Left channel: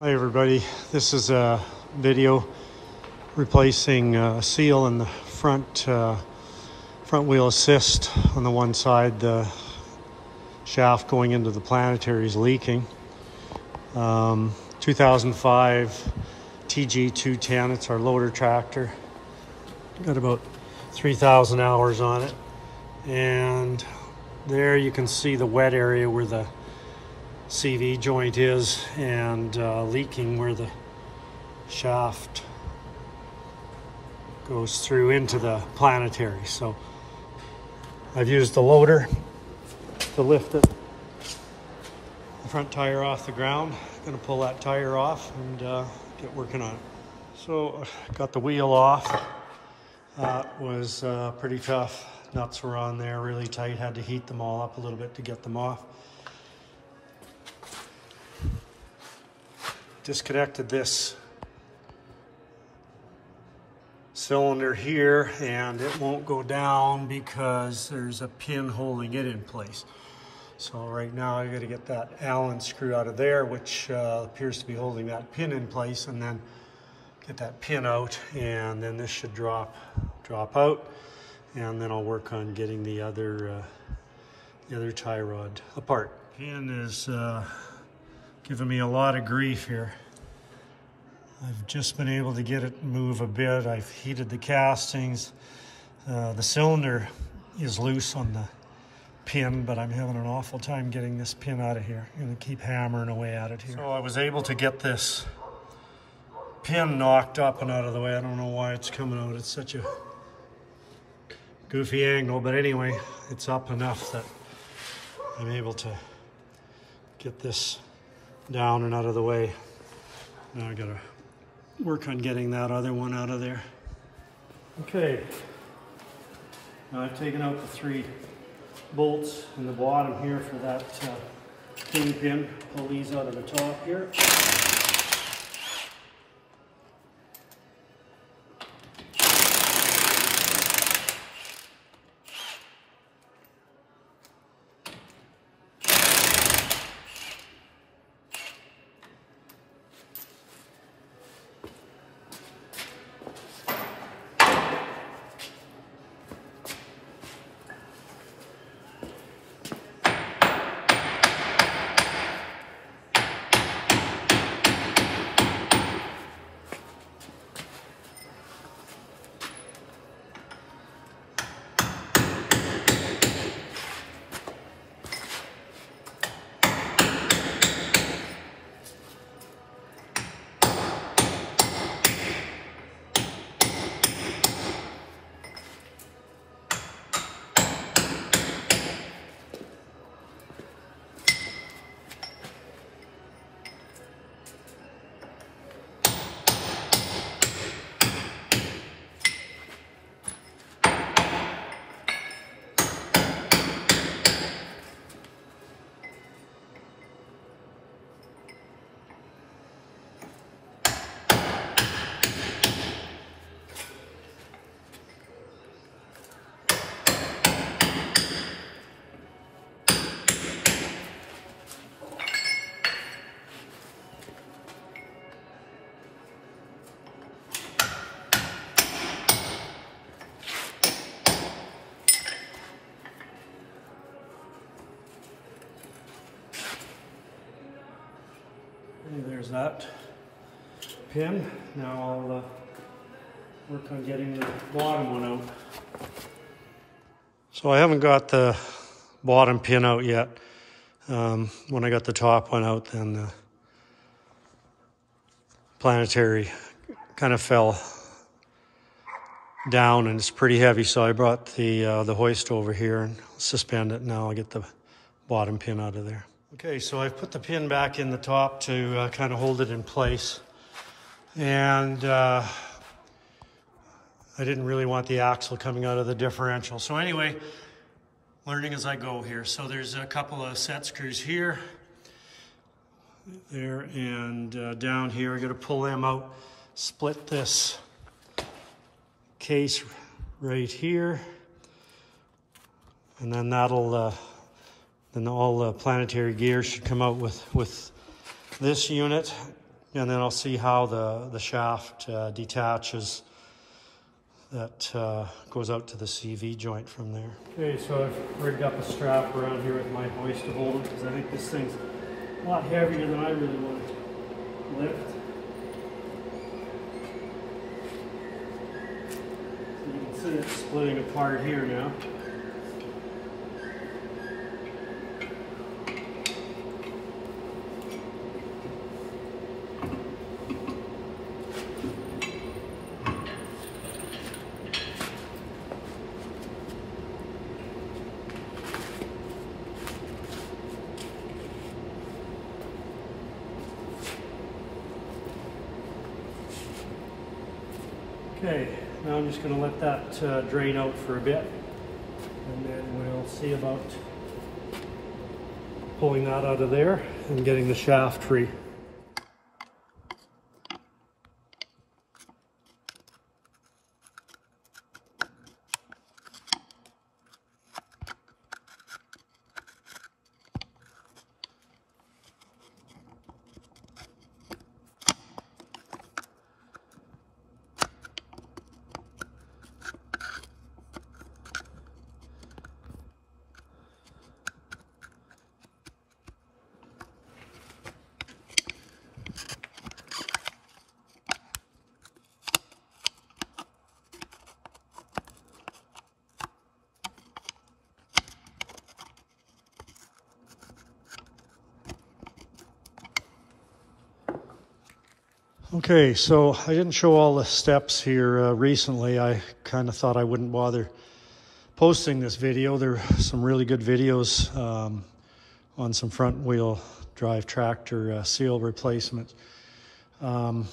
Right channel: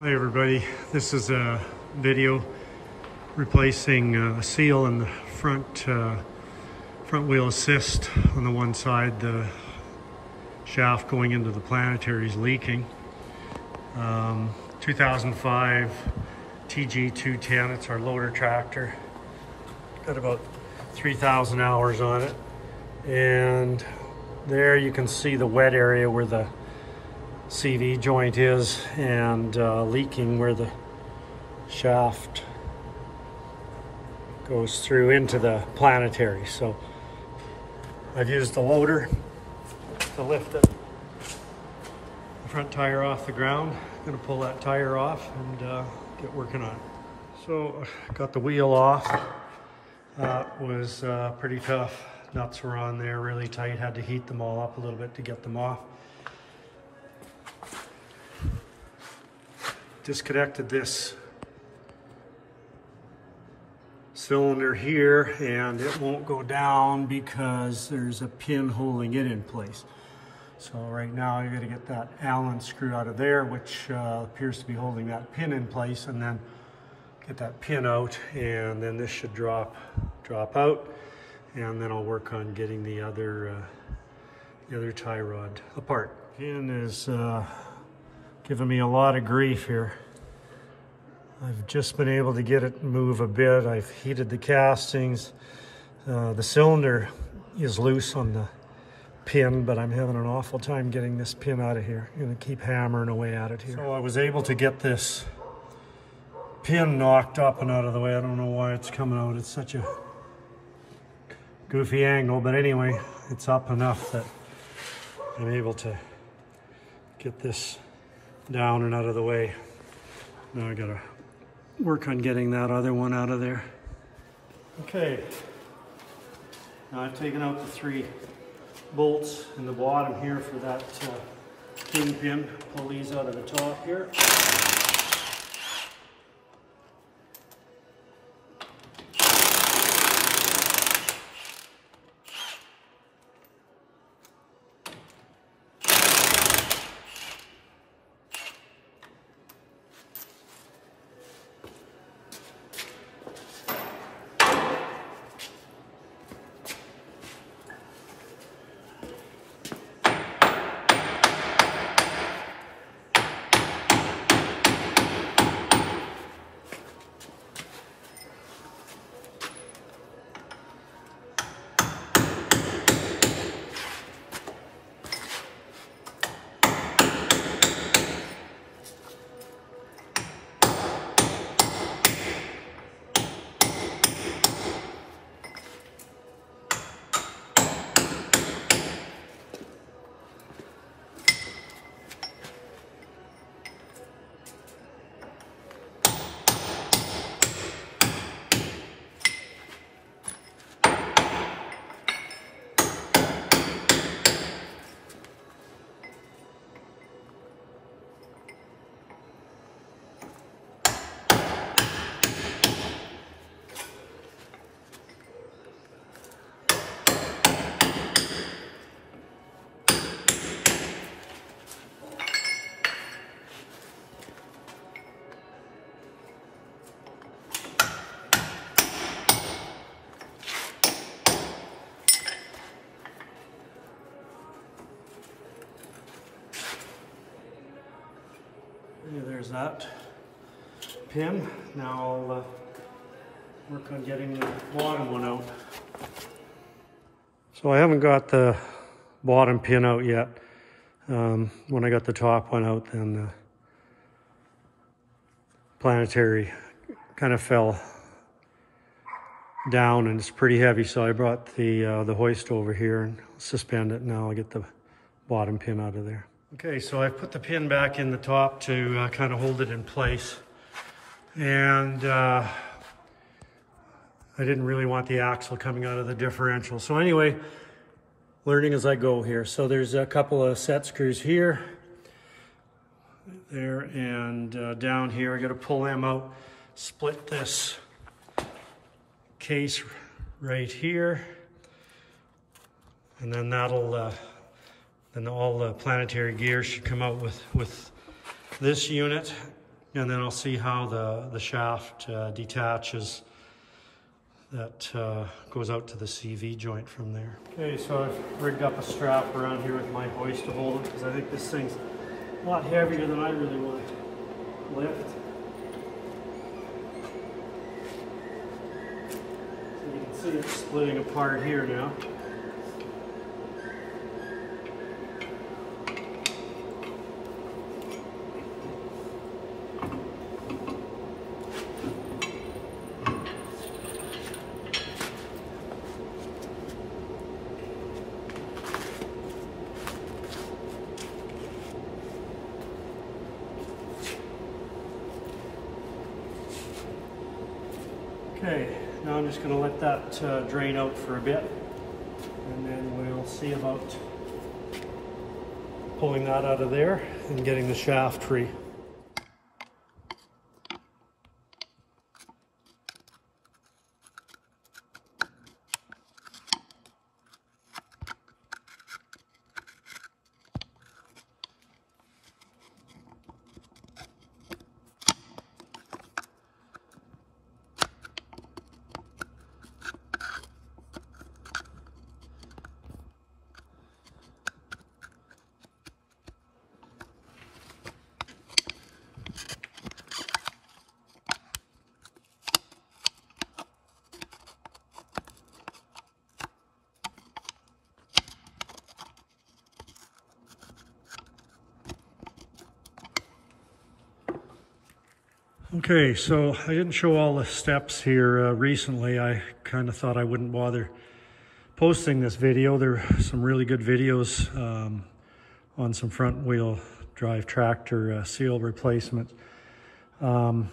Hi everybody, this is a video replacing a seal in the front wheel assist. On the one side, the shaft going into the planetary is leaking. 2005 TG210, it's our loader tractor. Got about 3,000 hours on it. And there you can see the wet area where the CV joint is, and leaking where the shaft goes through into the planetary. So I've used the loader to lift the front tire off the ground. I'm gonna pull that tire off and get working on it. So I got the wheel off. That was pretty tough. Nuts were on there really tight. Had to heat them all up a little bit to get them off. Disconnected this cylinder here, and it won't go down because there's a pin holding it in place. So right now I got to get that Allen screw out of there, which appears to be holding that pin in place, and then get that pin out, and then this should drop out, and then I'll work on getting the other tie rod apart. Pin is giving me a lot of grief here. I've just been able to get it move a bit. I've heated the castings. The cylinder is loose on the pin, but I'm having an awful time getting this pin out of here. I'm gonna keep hammering away at it here. So I was able to get this pin knocked up and out of the way. I don't know why it's coming out. It's such a goofy angle, but anyway, it's up enough that I'm able to get this down and out of the way. Now I gotta work on getting that other one out of there. Okay, now I've taken out the 3 bolts in the bottom here for that kingpin. Pull these out of the top here. There's that pin. Now I'll work on getting the bottom one out. So I haven't got the bottom pin out yet. When I got the top one out, then the planetary kind of fell down and it's pretty heavy, so I brought the hoist over here and suspend it. Now I'll get the bottom pin out of there. Okay, so I've put the pin back in the top to kind of hold it in place. And I didn't really want the axle coming out of the differential. So anyway, learning as I go here. So there's a couple of set screws here, there, and down here. I got to pull them out, split this case right here, and then that'll then all the planetary gear should come out with this unit, and then I'll see how the shaft detaches. That goes out to the CV joint from there. Okay, so I've rigged up a strap around here with my hoist to hold it, because I think this thing's a lot heavier than I really want to lift. So you can see it splitting apart here now. Okay, now I'm just going to let that drain out for a bit, and then we'll see about pulling that out of there and getting the shaft free. Okay, so I didn't show all the steps here recently. I kind of thought I wouldn't bother posting this video. There are some really good videos on some front wheel drive tractor seal replacements. Some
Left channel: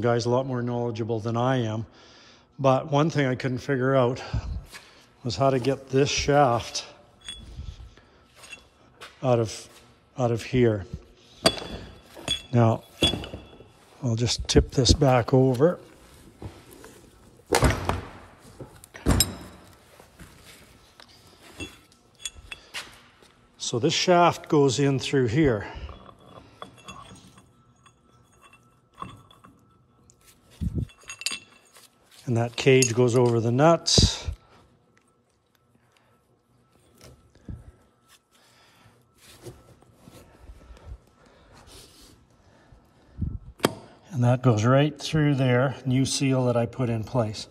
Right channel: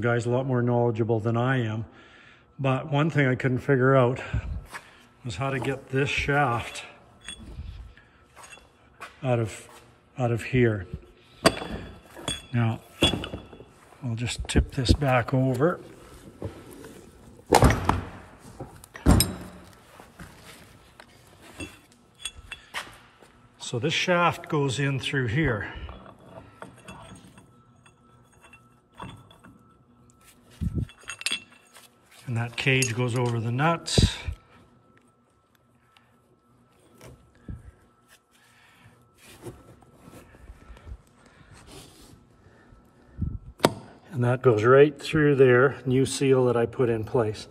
guys a lot more knowledgeable than I am. But one thing I couldn't figure out was how to get this shaft out of here. Now, I'll just tip this back over. So this shaft goes in through here. And that cage goes over the nuts. And that goes right through there, new seal that I put in place.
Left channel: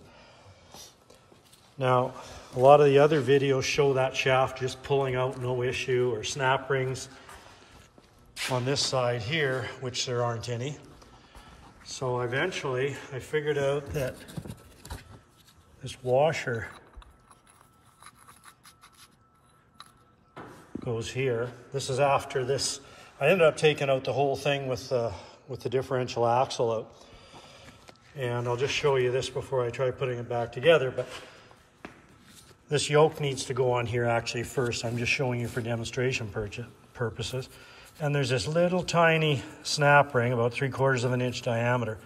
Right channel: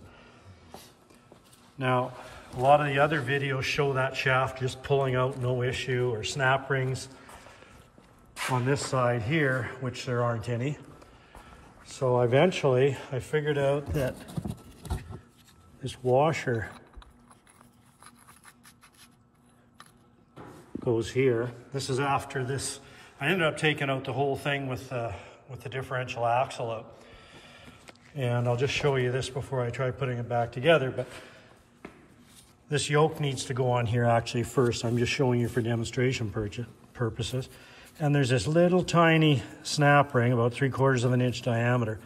Now, a lot of the other videos show that shaft just pulling out, no issue, or snap rings on this side here, which there aren't any. So eventually, I figured out that this washer goes here. This is after this. I ended up taking out the whole thing with the differential axle out. And I'll just show you this before I try putting it back together, but this yoke needs to go on here actually first. I'm just showing you for demonstration purposes. And there's this little tiny snap ring, about 3/4 of an inch diameter.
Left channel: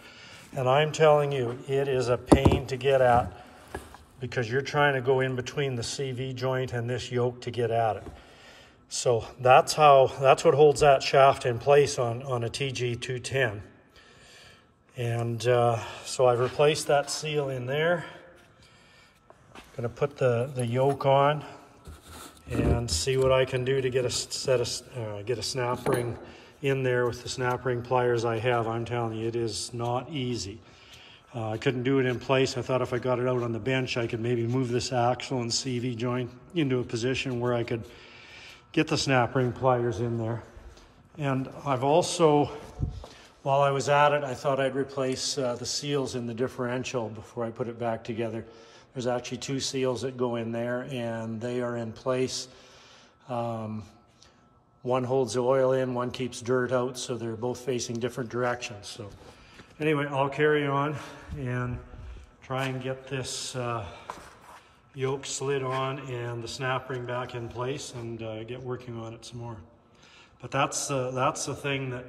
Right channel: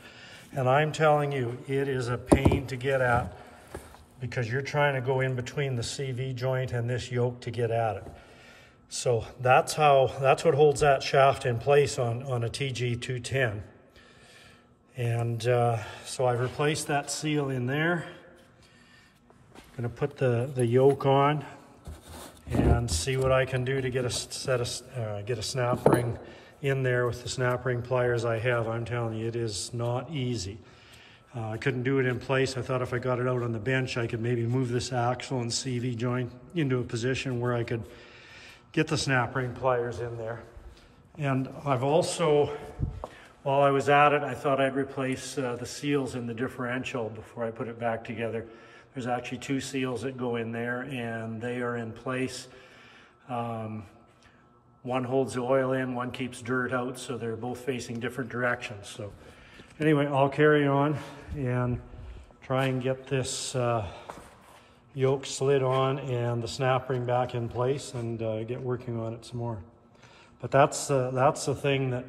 And I'm telling you, it is a pain to get at because you're trying to go in between the CV joint and this yoke to get at it. So that's what holds that shaft in place on a TG210. And so I've replaced that seal in there. Gonna put the yoke on and see what I can do to get a snap ring in there with the snap ring pliers I have. I'm telling you, it is not easy. I couldn't do it in place. I thought if I got it out on the bench, I could maybe move this axle and CV joint into a position where I could get the snap ring pliers in there. And I've also, while I was at it, I thought I'd replace the seals in the differential before I put it back together. There's actually 2 seals that go in there and they are in place. One holds the oil in, one keeps dirt out, so they're both facing different directions. So anyway, I'll carry on and try and get this yoke slid on and the snap ring back in place and get working on it some more. But that's the thing that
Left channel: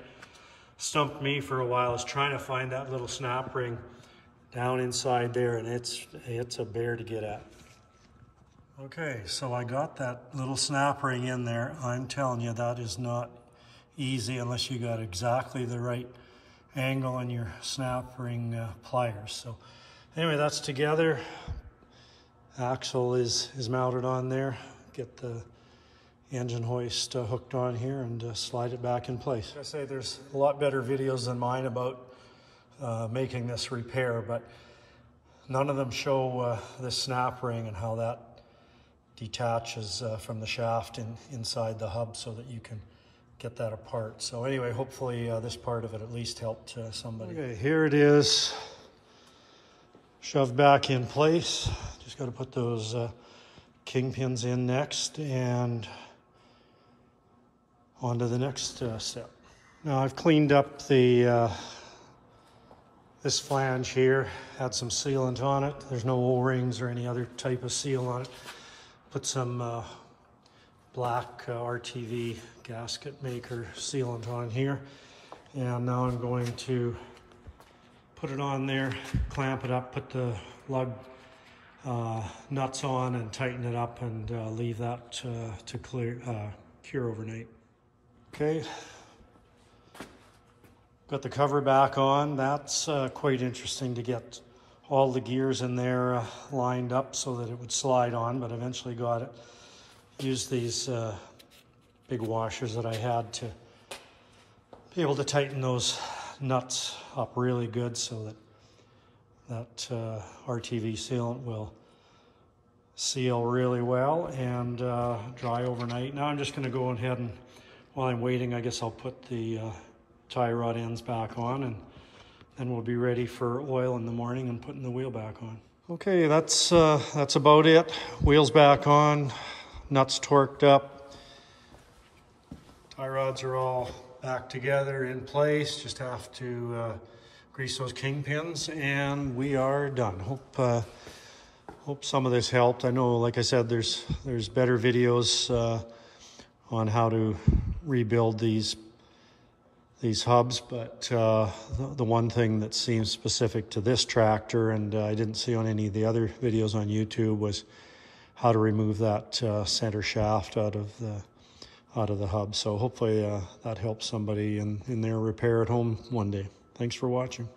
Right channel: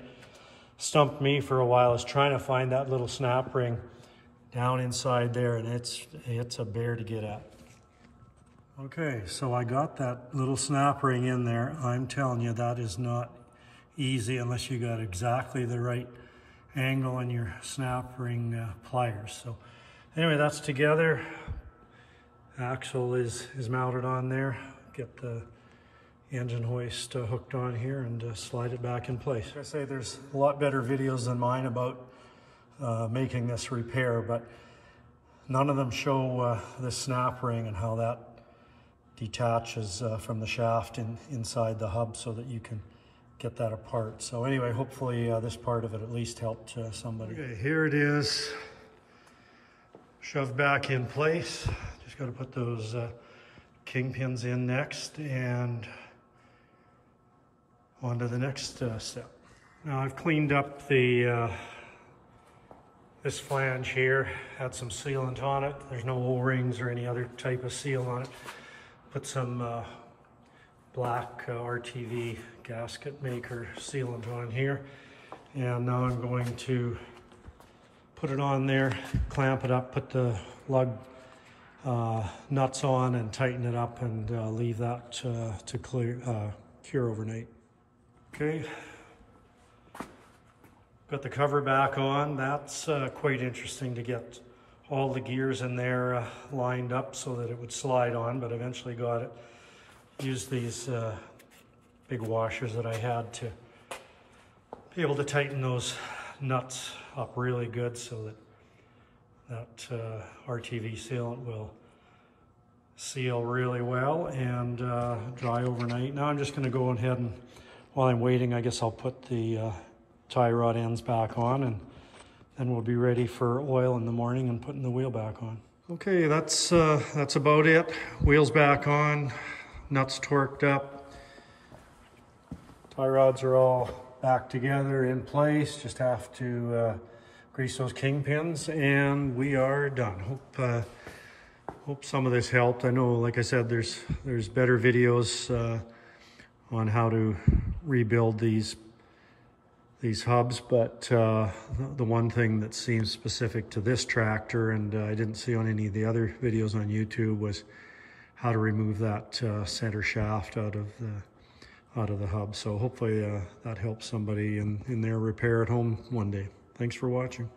stumped me for a while, is trying to find that little snap ring down inside there, and it's a bear to get at. Okay, so I got that little snap ring in there. I'm telling you, that is not easy unless you got exactly the right angle in your snap ring pliers. So anyway, that's together. Axle is mounted on there. Get the engine hoist hooked on here and slide it back in place. Like I say, there's a lot better videos than mine about making this repair, but none of them show this snap ring and how that detaches from the shaft inside the hub so that you can get that apart. So anyway, hopefully this part of it at least helped somebody. Okay, here it is, shoved back in place. Just got to put those kingpins in next and on to the next step. Now I've cleaned up the this flange here, had some sealant on it. There's no O-rings or any other type of seal on it. Put some black RTV gasket maker sealant on here. And now I'm going to put it on there, clamp it up, put the lug nuts on and tighten it up and leave that to cure overnight. Okay, got the cover back on. That's quite interesting to get all the gears in there lined up so that it would slide on, but eventually got it. Used these big washers that I had to be able to tighten those nuts up really good so that RTV sealant will seal really well and dry overnight. Now I'm just going to go ahead and, while I'm waiting, I guess I'll put the tie rod ends back on, and then we'll be ready for oil in the morning and putting the wheel back on. Okay, that's about it. Wheels back on, nuts torqued up. Tie rods are all back together in place. Just have to grease those kingpins and we are done. Hope some of this helped. I know, like I said, there's better videos on how to rebuild these hubs, but the one thing that seems specific to this tractor, and I didn't see on any of the other videos on YouTube, was how to remove that center shaft out of the hub. So hopefully that helps somebody in their repair at home one day. Thanks for watching.